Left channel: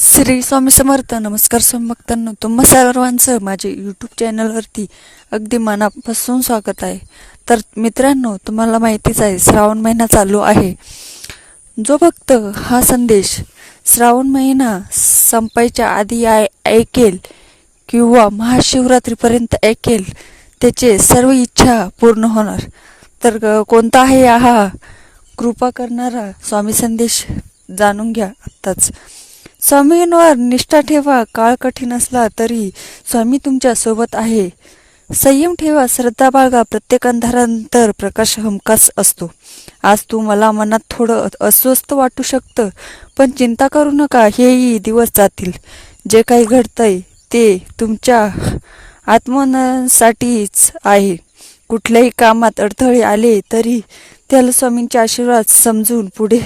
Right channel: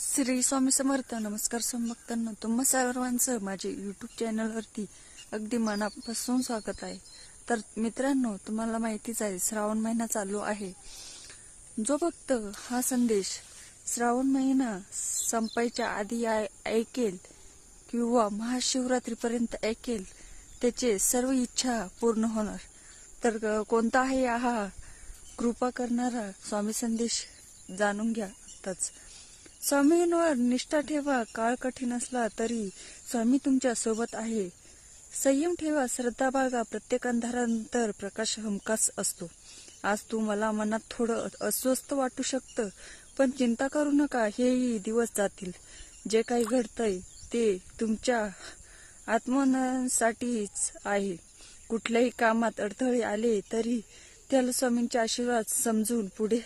श्री स्वामी समर्थ. नमस्कार स्वामी भक्तांनो. तुम्हा सर्वांचं माझे यूट्यूब चॅनलवरती अगदी मनापासून स्वागत आहे. तर मित्रांनो तुम्हाला माहितीच आहे श्रावण महिना चालू आहे. जो भक्त हा संदेश श्रावण महिना संपायच्या आधी आय ऐकेल किंवा महाशिवरात्रीपर्यंत ऐकेल त्याचे सर्व इच्छा पूर्ण होणार. तर कोणता आहे हा कृपा करणारा स्वामी संदेश जाणून घ्या आत्ताच. स्वामींवर निष्ठा ठेवा काळ कठीण असला तरी स्वामी तुमच्यासोबत आहे. संयम ठेवा श्रद्धा बाळगा प्रत्येक अंधारानंतर प्रकाश हमखास असतो. आज तू मला मनात थोडं अस्वस्थ वाटू शकतं पण चिंता करू नका हेही दिवस जातील. जे काही घडतंय ते तुमच्या आत्मनसाठीच आहे. कुठल्याही कामात अडथळे आले तरी त्याला स्वामींचे आशीर्वाद समजून पुढे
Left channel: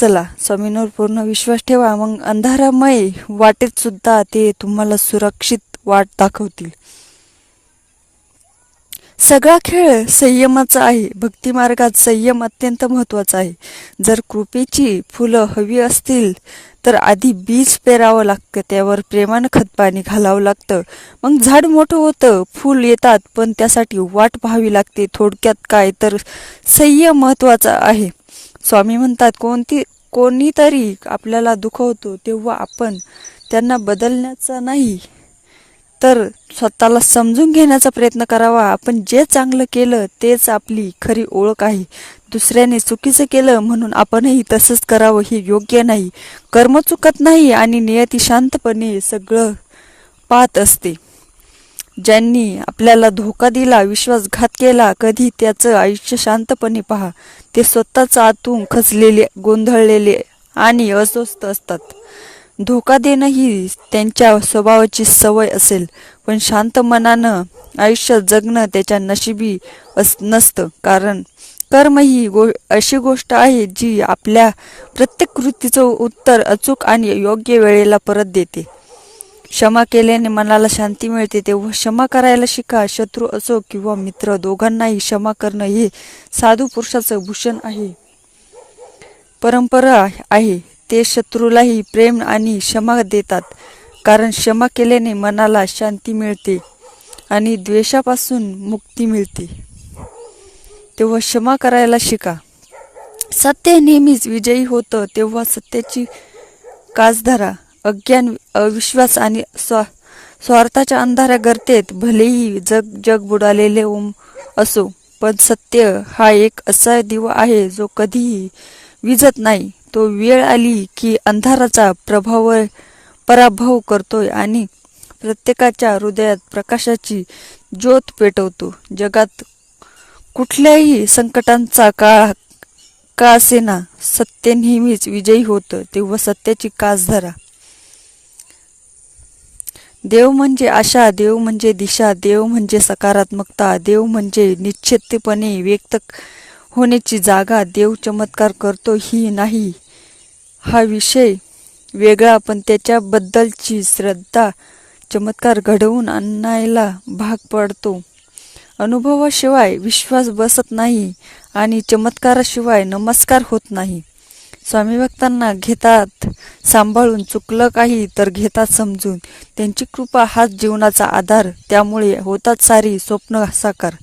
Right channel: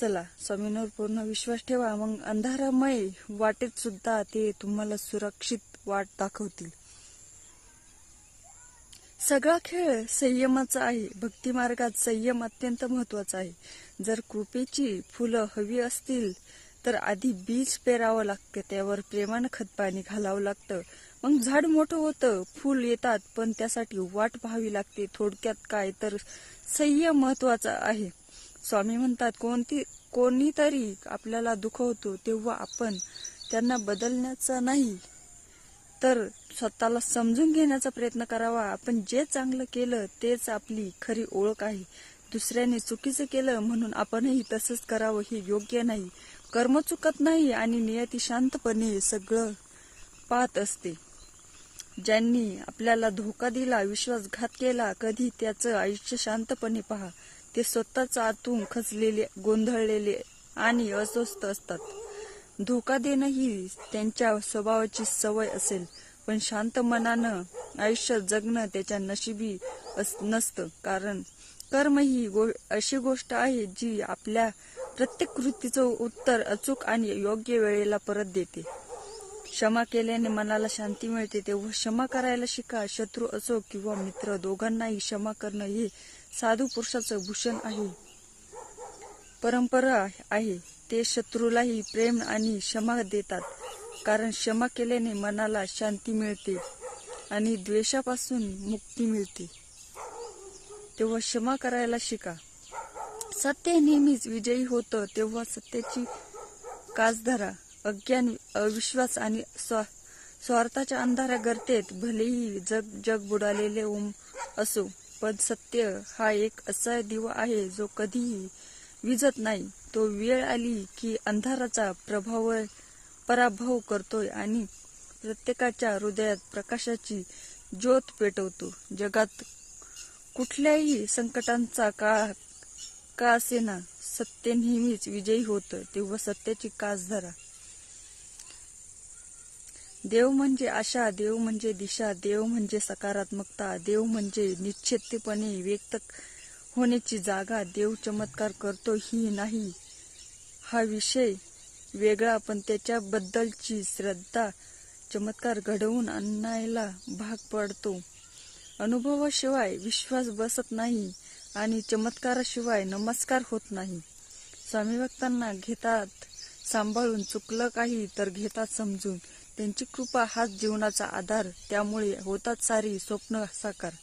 चला स्वामींवर पूर्ण विश्वास ठेवा मग अंधारामय वाटेत सुद्धा ते तुम्हाला सुरक्षित वाट दाखवतील. सगळा खेळ संयमाचा आहे. भक्ती मार्गात संयम अत्यंत महत्त्वाचा आहे. जर कृपेची फुलं हवी असतील तर आधी बीज पेरावं लागतं त्यावर प्रेमानं खतपाणी घालावं लागतं. मग झाड मोठं होतं फूल येतात पण त्यासाठी वाट पाहावी लागते. थोडक्यात काय तर संयम महत्त्वाचा आहे. स्वामी म्हणतात कोणती कोणीतरी आपल्याला दुखवतो तेव्हा आपण त्यांना बदलण्याचा नाही. तर स्वतःला समजून घेण्याचा प्रयत्न करावा. आपण जे चांगलं केलं तेच आपली खरी ओळख आहे. दुसऱ्याने चुकीचं केलं म्हणून आपणही तसंच करावं हे योग्य नाही. कर्म चुकत नाही आणि नियती शांतपणे सगळं पाहत असते. ज्यांनी आपल्याला धोका दिला विश्वासघात केला कधी त्याचं आयुष्य शांतपणे पहा. ते स्वतःच आतून खचलेले गोंधळलेले आणि अस्वस्थ असतात. धोका देणं ही त्यांच्या स्वभावाची सवय असेल पण शांत मनानं आयुष्य जगणं त्याच्या नशिबी अस नसतं. कारण कर्म ही गो अशी गोष्ट आहे जी आपल्या प्रत्येक कृतीचं उत्तर अचूक आणि योग्य वेळेला परत देते. क्षमा केल्याने मनाला शांती मिळते. तेव्हा क्षमा करायला शिका. शत्रू असो किंवा मित्र दोघांनाही क्षमा करणं हे साधू पुरुषाचं भूषण आहे. परंपरा आहे. ते शत्रूलाही प्रेम आणि क्षमा देतात. कारण क्षमा केल्याने मनाला शांती मिळते आणि द्वेषापासून मुक्ती मिळते. तेव्हा क्षमा करायला शिका. सत्य नेहमीच विजयी होतं. तेव्हा सत्याची कास धरा अज्ञान अविश्वास आणि स्वा स्वार्थाच्या अंधाऱ्या गर्तेत भलेही जग जग बुडालेले ओम असो पण सत्य हा एक असा दिवा आहे जो कधीही विजत नाही. तो वेळ आली की अंधाराचा प्रभाव पराभव करतोय आणि प्रत्येकाच्या हृदयात प्रकाशाची ज्योत पेटवतो. जगात कुठल्याही संकटांचा काळ का असेना सत्य नेहमीच विजयी होतं. तेव्हा सत्याची कास धरा. देव म्हणजे आशा देव म्हणजे दिशा देव म्हणजे सकारात्मकता देव म्हणजे निश्चितपणे व्यक्त होण्याची जागा देव चमत्कार करतो ही नाही. हा विषय वेगळा पण त्याच्याबद्दलची श्रद्धा चमत्कार घडवून आणायला भाग पडतो. अनुभवाशिवाय विश्वास बसत नाही आणि चमत्काराशिवाय नमस्कार होत नाही. स्वामी भक्तांना घेतात सांभाळून चुकलं काही तर घेतात समजून. त्यांची कृपा हाच जीवनाचा आधार त्यामुळे होतात सारी स्वप्न साकार.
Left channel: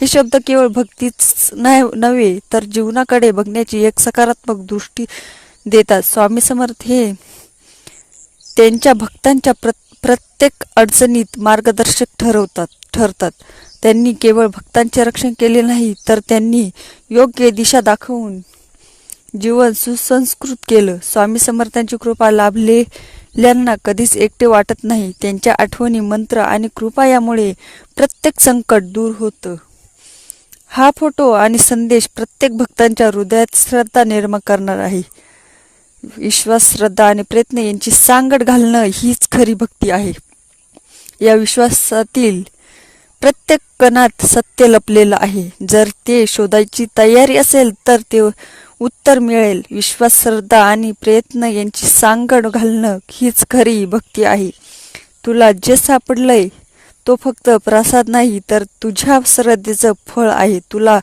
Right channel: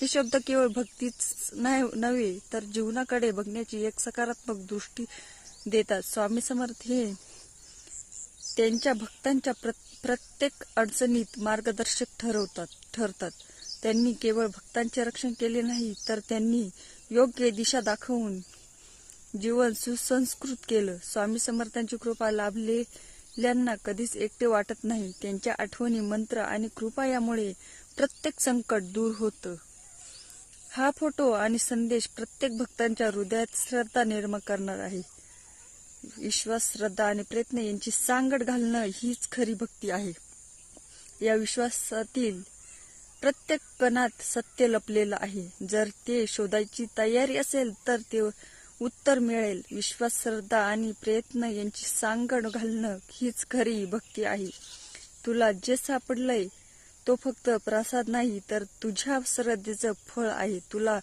हे शब्द केवळ भक्तीच नाही नव्हे तर जीवनाकडे बघण्याची एक सकारात्मक दृष्टी देतात. स्वामी समर्थ हे त्यांच्या भक्तांच्या प्र प्रत्येक अडचणीत मार्गदर्शक ठरवतात ठरतात. त्यांनी केवळ भक्तांचे रक्षण केले नाही तर त्यांनी योग्य दिशा दाखवून जीवन सुसंस्कृत केलं. स्वामी समर्थांची कृपा लाभलेल्यांना कधीच एकटे वाटत नाही. त्यांच्या आठवणी मंत्र आणि कृपा यामुळे प्रत्येक संकट दूर होतं. हा फोटो आणि संदेश प्रत्येक भक्तांच्या हृदयात श्रद्धा निर्माण करणार आहे. विश्वास श्रद्धा आणि प्रयत्न यांची सांगड घालणं हीच खरी भक्ती आहे. या विश्वासातील प्रत्येक कणात सत्य लपलेलं आहे. जर ते शोधायची तयारी असेल तर ते उत्तर मिळेल. विश्वास श्रद्धा आणि प्रयत्न यांची सांगड घालणं हीच खरी भक्ती आहे. तुला जे सापडलंय तो फक्त प्रसाद नाही तर तुझ्या श्रद्धेचं फळ आहे. तुला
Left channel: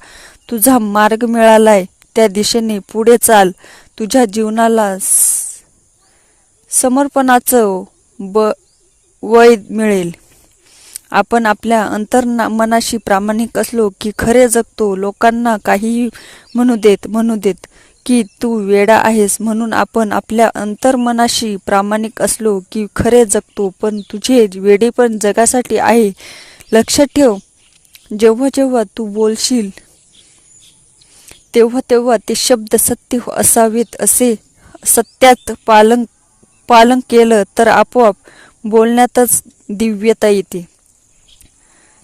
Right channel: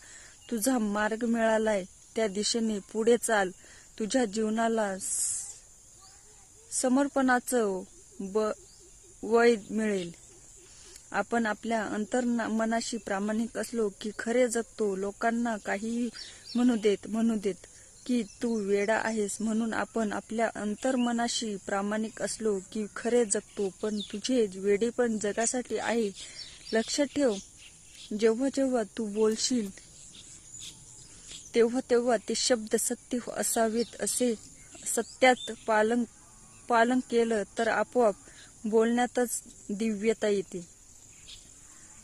तुझा मार्ग मिळालाय. त्या दिशेने पुढे चाल. तुझ्या जीवनाला समर्पणाचं ब वय मिळेल. आपण आपल्या अंतर्ना मनाशी प्रामाणिक असलो की खरे जगतो. लोकांना काहीही म्हणू देत म्हणू देत. की तू वेडा आहेस म्हणून आपण आपल्या अंतर्मनाशी प्रामाणिक असलो की खरे जगतो पण तुझे वेडे पण जगासाठी आहे. लक्षात ठेव जेव्हा जेव्हा तू बोलशील तेव्हा तेव्हा ते शब्द सत्य असावेत. असे सत्यात पालन पालन केलं तर आपोआप बोलण्यातच दिव्यता येते.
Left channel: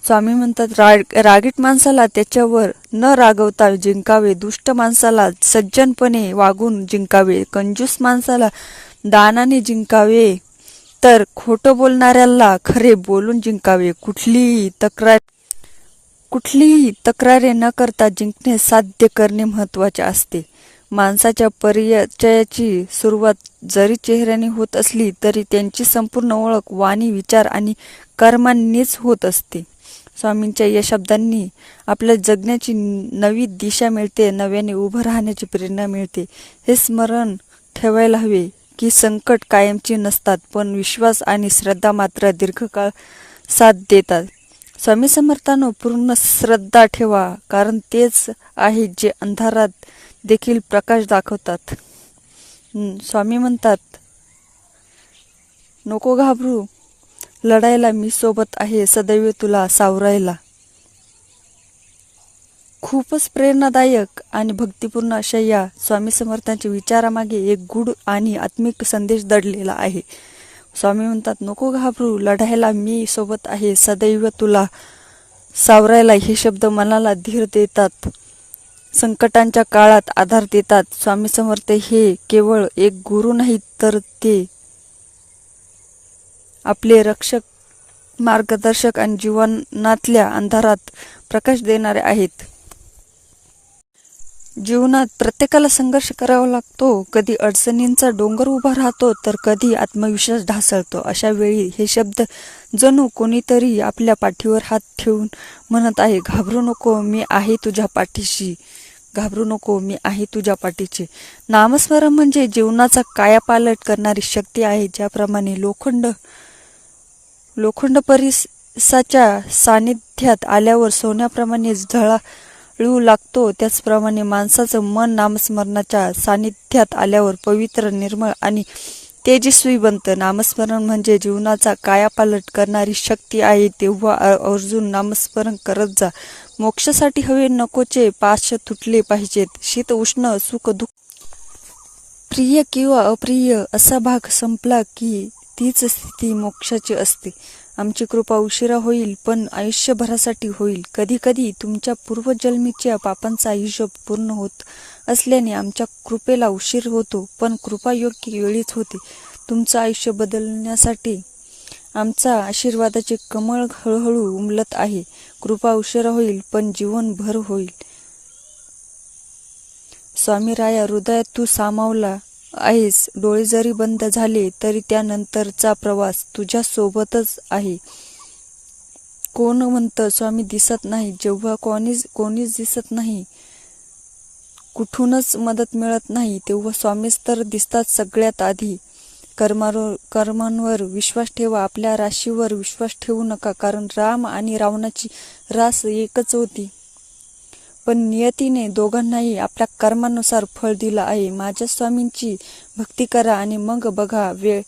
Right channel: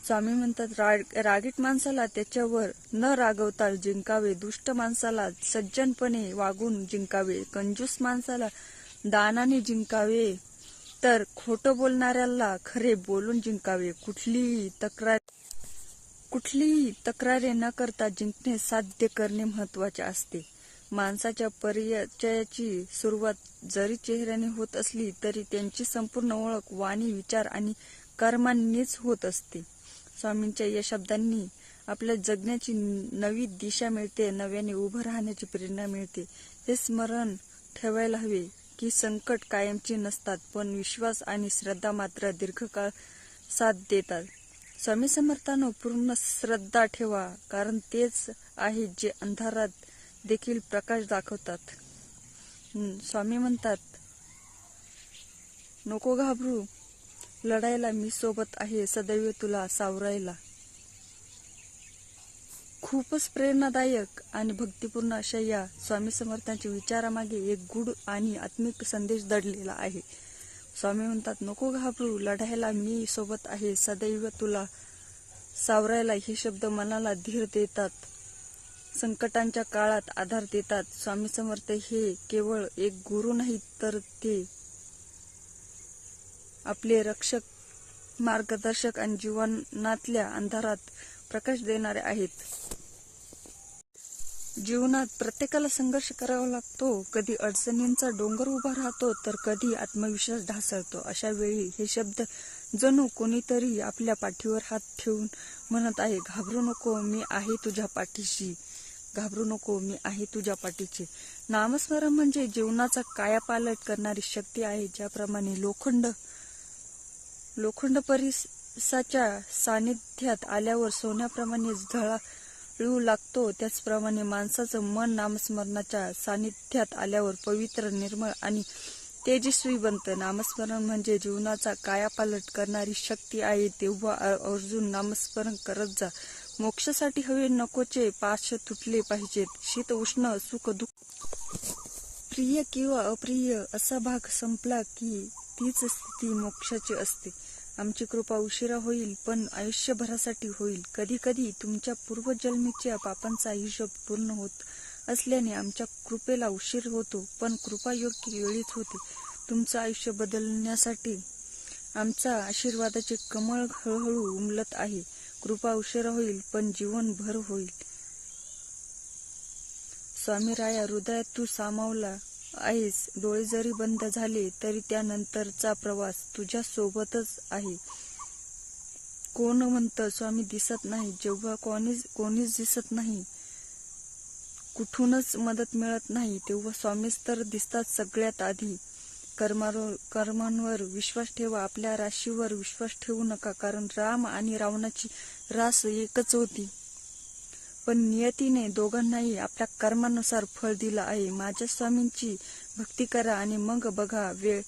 स्वामी म्हणतात राग रागीट माणसाला त्याच्यावर न रागवता जिंकावे दुष्ट माणसाला सज्जनपणे वागून जिंकावे कंजूस माणसाला दानाने जिंकावे तर खोटं बोलणाऱ्याला खरे बोलून जिंकावे. कुठलीही तक्रार कुठलीही तक्रारे न करता जिंकणे साध्य करणे महत्त्वाचे असते. माणसाच्या परिचयाची सुरुवात जरी चेहऱ्याने होत असली तरी त्यांची संपूर्ण ओळख वाणी विचार आणि कर्मांनीच होत असते. स्वामींच्या या शब्दांनी आपल्या जगण्याची नवी दिशा मिळते नव्याने उभं राहण्याची प्रेरणा मिळते. हे स्मरण ठेवायला हवे की संकट कायमची नसतात पण विश्वास आणि श्रद्धा मात्र दीर्घकाळ साथ देतात. स्वामी समर्थानं पूर्ण श्रद्धा ठेवा कारण तेच आहे जे अंधारात देखील प्रकाश दाखवतात. स्वामी म्हणतात नको घाबरू लढायला मी सोबत आहे सदैव तुला सावरायला. खूपच प्रेरणादायक आणि भक्तिपूर्ण अशा या स्वामी समर्थांच्या विचारामागे एक गुढ आणि आत्मिक संदेश दडलेला आहे. स्वामी म्हणतात नको घाबरू लढायला मी सोबत आहे सदैव तुला सावरायला. हे शब्द मनाला धीर देतात. संकटांच्या काळात आधार देतात. स्वामी समर्थ हे केवळ एक गुरु नाहीत तर ते आपले रक्षक मार्गदर्शक आणि जीवनातल्या अंधारात प्रकाश देणारे आहेत. जीवनात प्रत्येकाला संघर्ष करावा लागतो. कधी अडचणींचा डोंगर उभा राहतो तर कधी आत्मविश्वास ढासळतो. अशा वेळी हे शब्द जणू कोणीतरी आपल्या पाठीवर हात ठेवून म्हणत आहे घाबरू नको मी आहे तुझ्या पाठीशी. घाबरू नको मी आहे तुझ्या पाठीची नामस्मरण म्हणजे जीवनाचा कायापालट करणारी शक्ती आहे ज्याप्रमाणे लोखंड लोखंड परिसाच्या सानिध्यात आल्यावर सोन्याप्रमाणे झळाळू लागतो. त्याचप्रमाणे माणसाचं मन नामस्मरणाच्या सानिध्यात आल्यावर पवित्र निर्मळ आणि तेजस्वी बनतं. नामस्मरण म्हणजे जीवनाचा कायापालट करणारी शक्ती आहे. तेव्हा अर्जुन नामस्मरण करत जा. मोक्षासाठी हवे नकोचे पाश तुटले पाहिजेत. शीत उष्ण सुख दुःख प्रिय किंवा अप्रिय असा भाग संपला की तीच स्थिती मोक्षाची असते. आमची कृपा उशिरा होईल पण आयुष्यभरासाठी होईल. कधी कधी तुमच्या पूर्वजन्मीच्या पापांचा हिशोब पूर्ण होत असल्याने आमच्या कृपेला उशीर होतो पण कृपा योग्य वेळीच होते. तुमचं आयुष्य बदलण्यासाठी आमचा आशीर्वादाचे कमळ हळूहळू उमलत आहे. कृपा उशिरा होईल पण जीवनभर होईल. स्वामी राया हृदयात तू सामावला. आहेस. डोळे जरी बंद झाले तरी त्यानंतरचा प्रवास तुझ्यासोबतच आहे. कोण म्हणतं स्वामी दिसत नाही. जेव्हा कोणीच कोणीच दिसत नाही कुठूनच मदत मिळत नाही तेव्हा स्वामीच तर दिसतात सगळ्यात आधी. कर्मावर कर्मांवर विश्वास ठेवा. आपल्या राशीवर विश्वास ठेवू नका कारण राम आणि रावणाची रास एकच होती. पण नियतीने दोघांनाही आपल्या कर्मानुसार फळ दिलं आहे. माझ्या स्वामींची भक्ती करा आणि मग बघा वेळ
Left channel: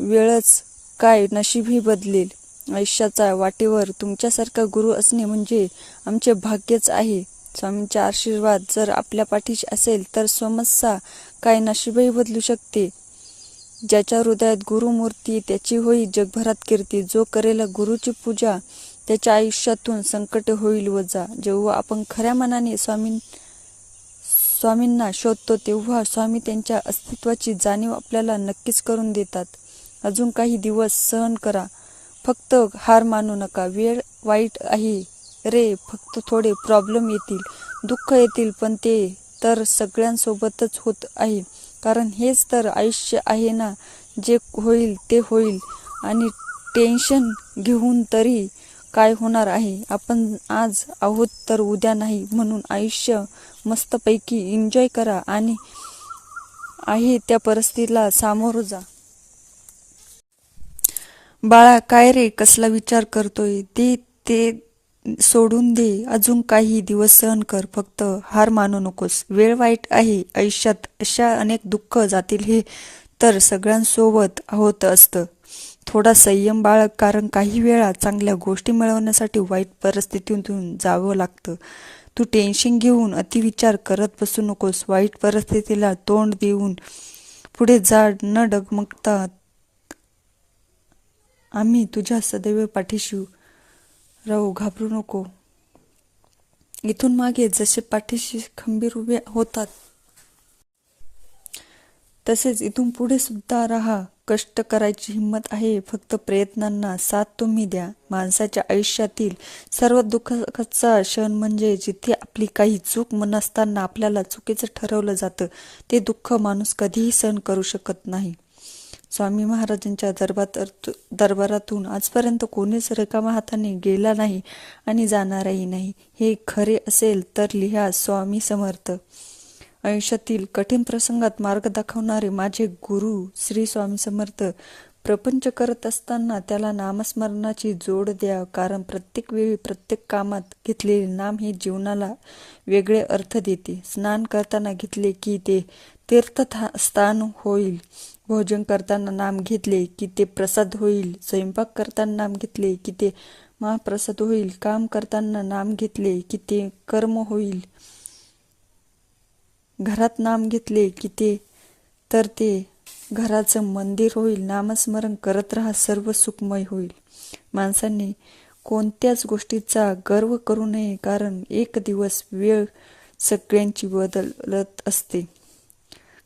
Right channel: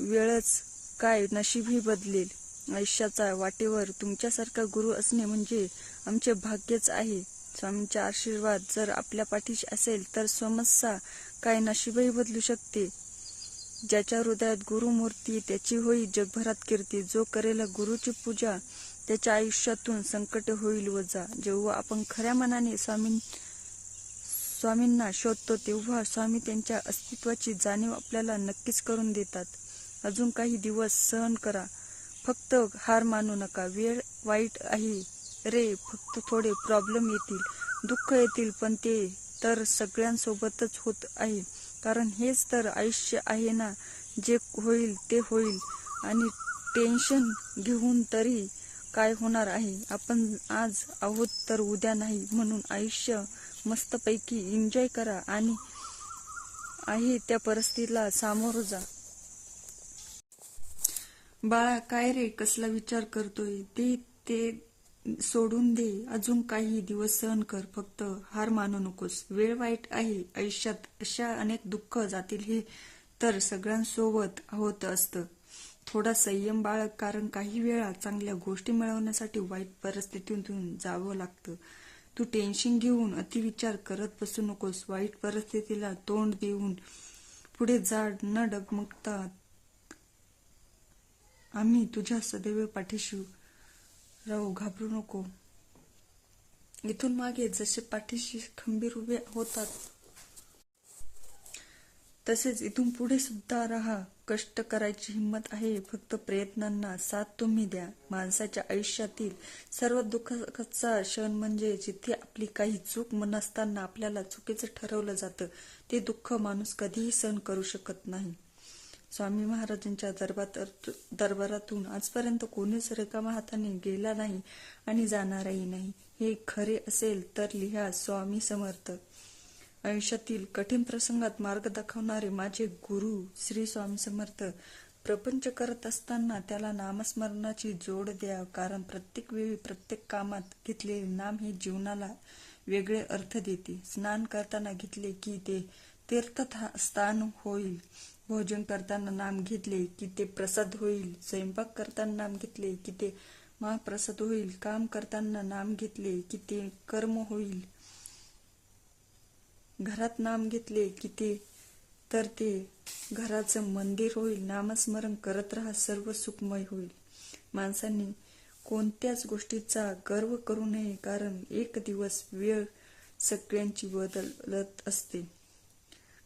वेळच काय नशीबही बदलेल. आयुष्याच्या वाटेवर तुमच्यासारखा गुरु असणे म्हणजे आमचे भाग्यच आहे. स्वामींचा आशीर्वाद जर आपल्या पाठीशी असेल तर समस्या काय नशीबही बदलू शकते. ज्याच्या हृदयात गुरुमूर्ती त्याची होई जगभरात कीर्ती. जो करेल गुरुची पूजा त्याच्या आयुष्यातून संकट होईल वजा जेव्हा आपण खऱ्या मनाने स्वामी स्वामींना शोधतो तेव्हा स्वामी त्यांच्या अस्तित्वाची जाणीव आपल्याला नक्कीच करून देतात. अजून काही दिवस सहन करा. फक्त हार मानू नका. वेळ वाईट आहे रे फक्त थोडे प्रॉब्लेम येतील दुःख येतील पण ते तर सगळ्यांसोबतच होत आहे. कारण हेच तर आयुष्य आहे ना जे होईल ते होईल. आणि टेन्शन घेऊन तरी काय होणार आहे? आपण आज आहोत तर उद्या नाही म्हणून आयुष्य मस्तपैकी एन्जॉय करा आणि आहे त्या परिस्थितीला सामोरं जा. बाळा काय रे? कसला विचार करतोय? दे ते सोडून दे. अजून काही दिवस सहन कर. फक्त हार मानू नकोस. वेळ वाईट आहे. आयुष्यात अशा अनेक दुःख जातील हे तर सगळ्यांसोबत होत असतं. थोडा संयम बाळग कारण काही वेळा चांगल्या गोष्टी मिळवण्यासाठी वाईट परिस्थितीतून जावं लागतं. तू टेन्शन घेऊन अतिविचार करत बसू नकोस. वाईट परिस्थितीला तोंड देऊन पुढे जाड न डगमगता आम्ही तुझ्या सदैव पाठीशी राहू. घाबरू नको. इथून मागे जसे पाठीशी खंबीर उभे होतात तसेच इथून पुढे सुद्धा राहा. कष्ट करायची हिंमत आहे. फक्त प्रयत्नांना साथ तुम्ही द्या. माणसाच्या आयुष्यातील सर्व दुःखाचा क्षण म्हणजे जिथे आपली काही चूक नसताना आपल्याला चुकीचं ठरवलं जातं ते दुःख माणूस कधीही सहन करू शकत नाही. स्वामी महाराजांच्या दरबार दरबारातून आजपर्यंत कोणीच रिकामा हाताने गेला नाही आणि जाणारही नाही. हे खरे असेल तर लिहा स्वामी समर्थ. आयुष्यातील कठीण प्रसंगात मार्ग दाखवणारे माझे गुरु श्री स्वामी समर्थ प्रपंच करत असताना त्याला नामस्मरणाची जोड द्या. कारण प्रत्येक वेळी प्रत्येक कामात घेतलेले नाम हे जीवनाला वेगळे अर्थ देते. स्नान करताना घेतले की ते तीर्थ स्थान होईल. भोजन करताना नाम घेतले की ते प्रसाद होईल. स्वयंपाक करताना नाम घेतले की ते महाप्रसाद होईल. काम करताना नाम घेतले की ते कर्म होईल. घरात नाम घेतले की ते तर ते घराचं मंदिर होईल नामस्मरण करत राहा सर्व सुखमय होईल. माणसांनी कोणत्याच गोष्टीचा गर्व करू नये कारण एक दिवस वेळ सगळ्यांची बदलत असते.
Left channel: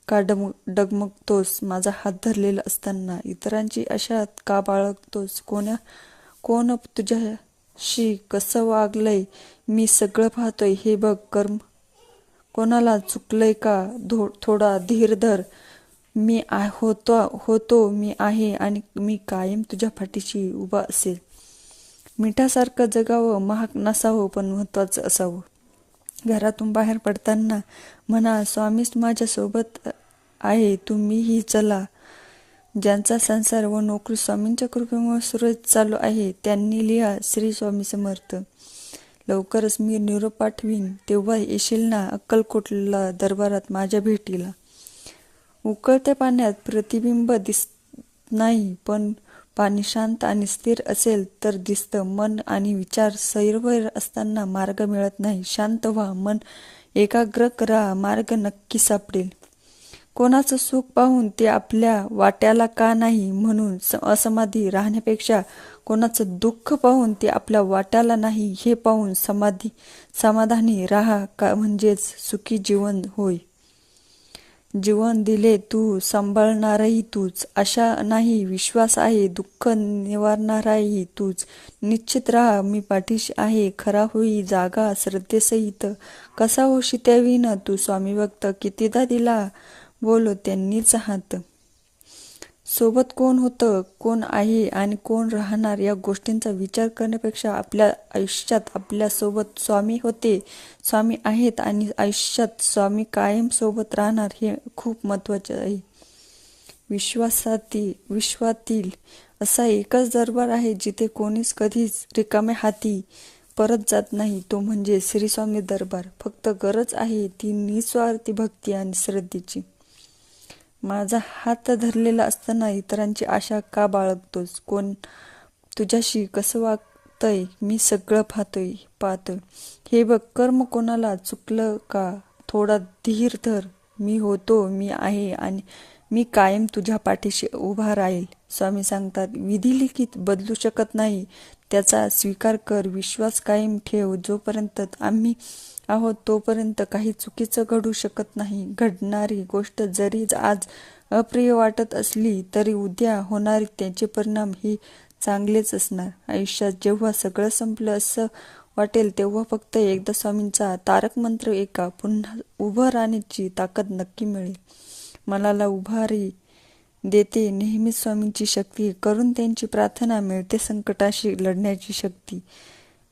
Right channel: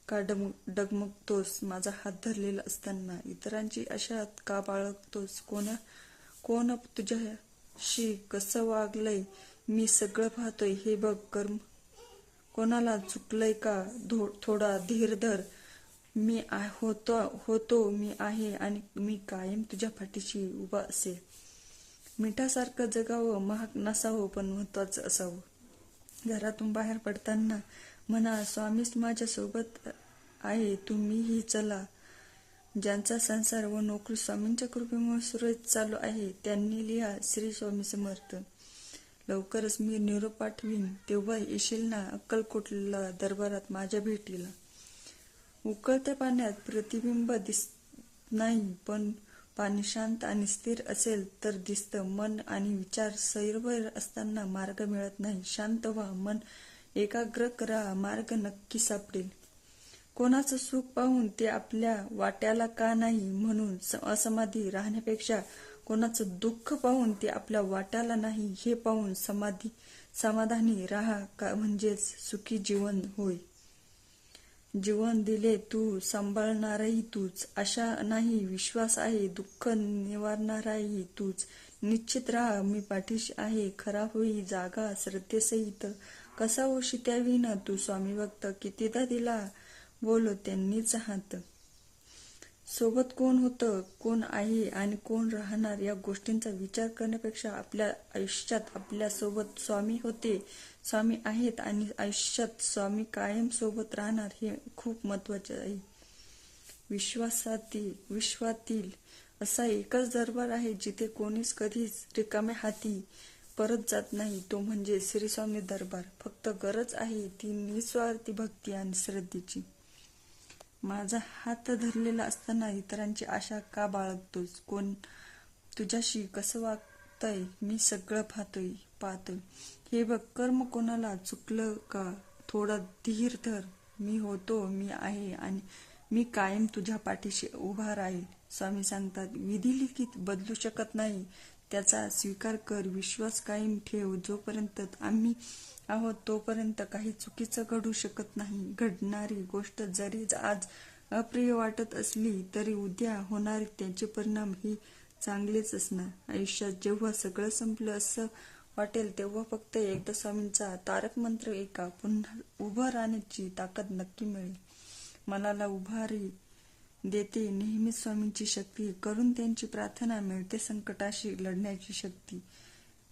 का डम डगमगतोस? माझा हात धरलेला असताना इतरांची अशा का बाळगतोस? कोण्या कोण तुझ्याशी कसं वागलंय? मी सगळं पाहतोय. हे बघ कर्म कोणाला चुकलंय का? धो थोडा धीर धर. मी होतो होतो मी आहे आणि मी कायम तुझ्या फाटीशी उभा असेल. मिठासारखं जगावं महाग नसावं पण महत्वाचं असावं. घरातून बाहेर पडताना म्हणा स्वामीच माझ्यासोबत आहे तुम्हीही चला. ज्यांचा संसार व नोकरी स्वामींच्या कृपेमुळे सुरळीत चालू आहे त्यांनी लिहा श्री स्वामी समर्थ. लवकरच मी निरोप पाठवीन तेव्हा येशील ना अक्कलकोटला दरबारात माझ्या भेटीला. उकळत्या पाण्यात प्रतिबिंब दिस नाही पण पाणी शांत आणि स्थिर असेल तर दिसतं मन आणि विचार सैरवैर असताना मार्ग मिळत नाही. शांत व्हा मन एकाग्र करा मार्ग नक्की सापडेल. कोणाचं सुख पाहून ते आपल्या वाट्याला का नाही म्हणून असमाधी राहण्यापेक्षा कोणाचं दुःख पाहून ते आपल्या वाट्याला नाही हे पाहून समाधी समाधानी राहा का म्हणजेच सुखी जीवन होय. जीवन दिले तू सांभाळणारही तूच. आशा नाही विश्वास आहे दुःख निवारणाराही तूच. निश्चित राहा मी पाठीशी आहे खरा होई जागा श्रद्धेसहित. कसा होशी त्याविन तू स्वामी भक्त? कितीदा दिला? बोलो त्यांनीच हात. सोबत कोण होतं कोण आहे आणि कोण राहणार या गोष्टींचा विचार करण्यापेक्षा आपल्या आयुष्यात आपल्यासोबत स्वामी होते स्वामी आहेत आणि आयुष्यात स्वामी कायम सोबत राहणार हे खूप महत्त्वाचे आहे. विश्वासातील विश्वातील असा एकच दरबार आहे जिथे कोणीच कधीच रिकाम्या हाती परत जात नाही तो म्हणजे श्रीस्वामी दरबार. फक्त गरज आहे ती निस्वार्थी भक्ती आणि श्रद्धेची. माझा हात धरलेला असताना इतरांची आशा का बाळगतोस? कोण तुझ्याशी कसं वागतंय? मी सगळं पाहतोय पाहतोय. हे बघ कर्म कोणाला चुकलं का? थोडा धीर धर. मी होतो मी आहे आणि मी कायम तुझ्या पाठीशी उभा राहील. स्वामी सांगतात विधी लिखित बदलू शकत नाही. त्याचा स्वीकार कर विश्वास कायम ठेव. जोपर्यंत आम्ही आहोत तोपर्यंत काही चुकीचं घडू शकत नाही. घडणारी गोष्ट जरी आज अप्रिय वाटत असली तरी उद्या होणारे त्याचे परिणाम ही चांगलेच असणार. आयुष्यात जेव्हा सगळं संपलं असं वाटेल तेव्हा फक्त एकदा स्वामींचा तारक मंत्र एका पुन्हा उभं राहण्याची ताकद नक्की मिळेल. मनाला उभारी देते. नेहमीच स्वामींची शक्ती करून त्यांची प्रार्थना मिळते संकटाशी लढण्याची शक्ती.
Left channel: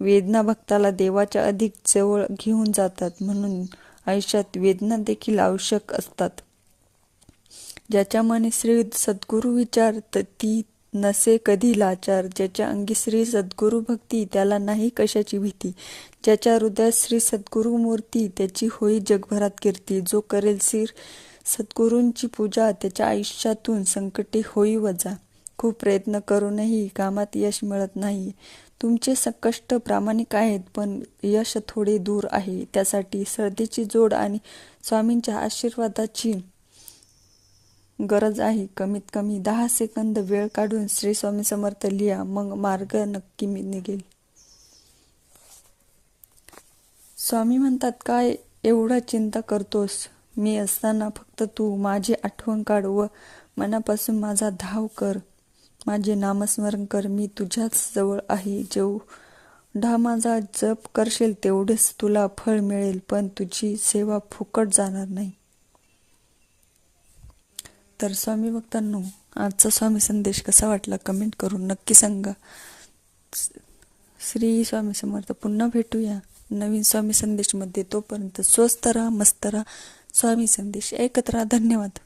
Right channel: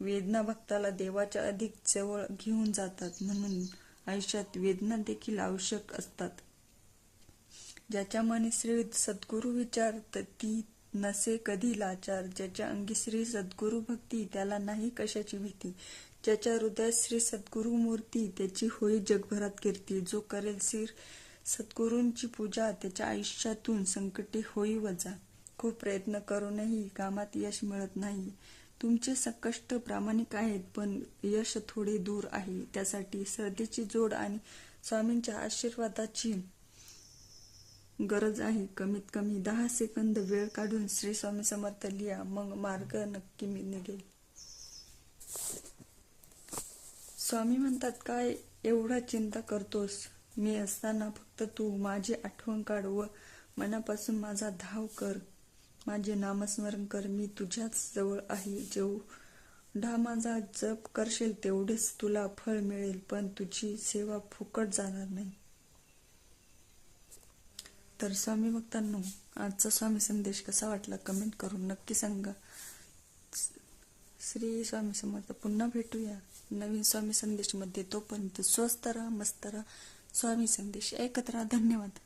वेदना भक्ताला देवाच्या अधिक जवळ घेऊन जातात म्हणून आयुष्यात वेदना देखील आवश्यक असतात. ज्याच्या मने श्री सद्गुरु विचार ती नसे कधी लाचार. ज्याच्या अंगी श्री सद्गुरु भक्ती त्याला नाही कशाची भीती. ज्याच्या हृदयात श्री सद्गुरु मूर्ती त्याची होई जगभरात कीर्ती. जो करेल श्री सद्गुरूंची पूजा त्याच्या आयुष्यातून संकटे होई वजा. खूप प्रयत्न करूनही कामात यश मिळत नाही. तुमचे संकष्ट प्रामाणिक आहेत पण यश थोडे दूर आहे. त्यासाठी श्रद्धेची जोड आणि स्वामींच्या आशीर्वादाची गरज आहे. कमीत कमी दहा सेकंद वेळ काढून श्री स्वामी समर्थ लिहा मग मार्ग नक्की मी निघेल. स्वामी म्हणतात काय एवढा चिंता करतोस? मी असताना फक्त तू माझी आठवण काढ व मनापासून माझा धाव कर. माझे नामस्मरण कर मी तुझ्याच जवळ आहे. जेवढा माझा जप करशील तेवढेच तुला फळ मिळेल पण तुझी सेवा फुकट जाणार नाही. तर स्वामी भक्तांनो आजचा स्वामी संदेश कसा वाटला कमेंट करून नक्की सांगा. श्री स्वामी समर्थ पुन्हा भेटूया नवीन स्वामी संदेशमध्ये. तोपर्यंत स्वस्त राहा मस्त राहा. स्वामी संदेश. ऐकत राहा धन्यवाद.